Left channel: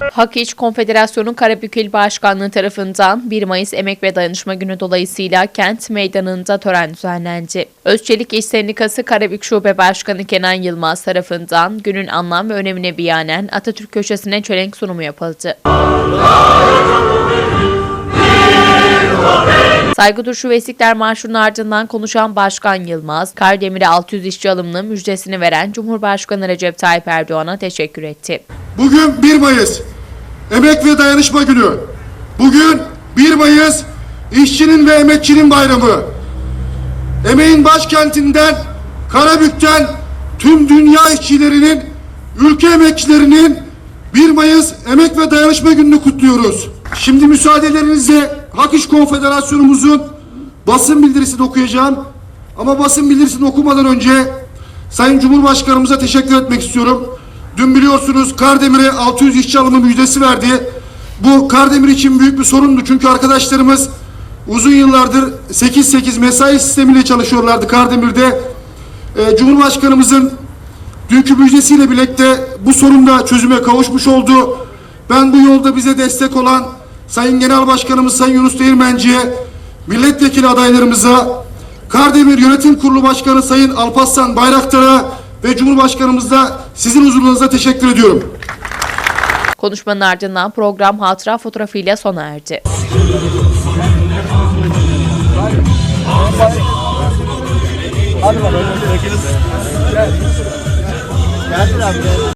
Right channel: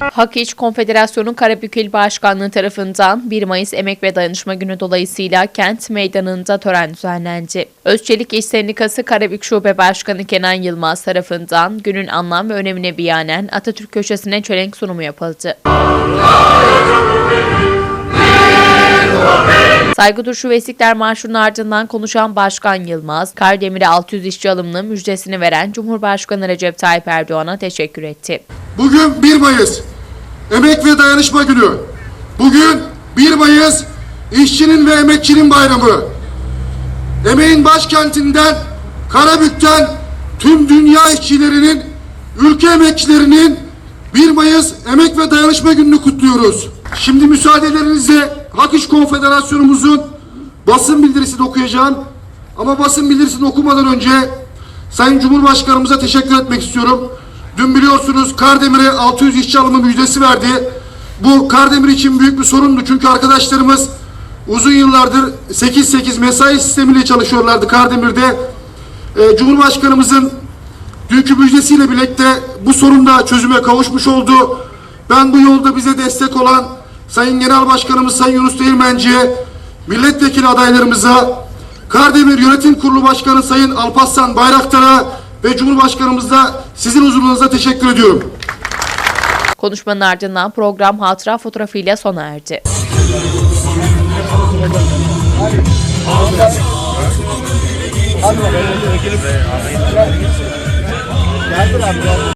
Hak İş Konfederasyonu Karabük İl Başkanlığı tarafından 1 Mayıs Emek ve Dayanışma Günü dolayısıyla kent meydanında tören düzenlendi. Özçelik İş Sendikası Karabük Şube Başkanı Kenan Yılmaz tarafından günün anlam ve önemine biyanen Atatürk köşesine çelenk sunumu yapıldı. Saygı duruşu ve İstiklal Marşı'nın ardından konuşan Başkan Yılmaz, Kardemir'e 600 işçi alımının müjdesini veren Cumhurbaşkanı Recep Tayyip Erdoğan'a teşekkür etti. Bugün 1 Mayıs Emek ve Dayanışma Günü. Bugün 1 Mayıs işçinin ve emekçinin bayramı. Emeğin başkentinden Karabük'ten tüm dünya işçilerinin, ülke emekçilerinin 1 Mayıs Emek ve Dayanışma Günü'nü kutluyoruz. Şimdi müsaadelerinizle Hak İş Konfederasyonumuzun basın bildirisini okuyacağım. Ama basın bildirisini okumadan önce Sayın Cumhurbaşkanımıza teşekkür etmek istiyorum. Dün biliyorsunuz Kardemir'e 600 işçi alımı müjdesi verdi. Bu Kardemir için büyük bir sorundu. Çünkü arkadaşlarımız uzun yıllardır 8-8 mesai sistemiyle çalışıyorlardı Kardemir'de. Ee, Cumhurbaşkanımızın dünkü müjdesiyle birlikte bu sorun da çözüme kavuşmuş oldu. Ben bu yolda bize destek olan Sayın Genel Başkanımız Sayın Yunus Değirmenci'ye, milletvekili adaylarımıza, Kardemir Yönetim Kurulu Başkanı Sayın Alparslan Bayraktar'a ve Cumhurbaşkanımıza sizin huzurunuzda teşekkür ediyorum. Konuşmanın ardından program hatıra fotoğrafıyla sona erdi. Geldiler.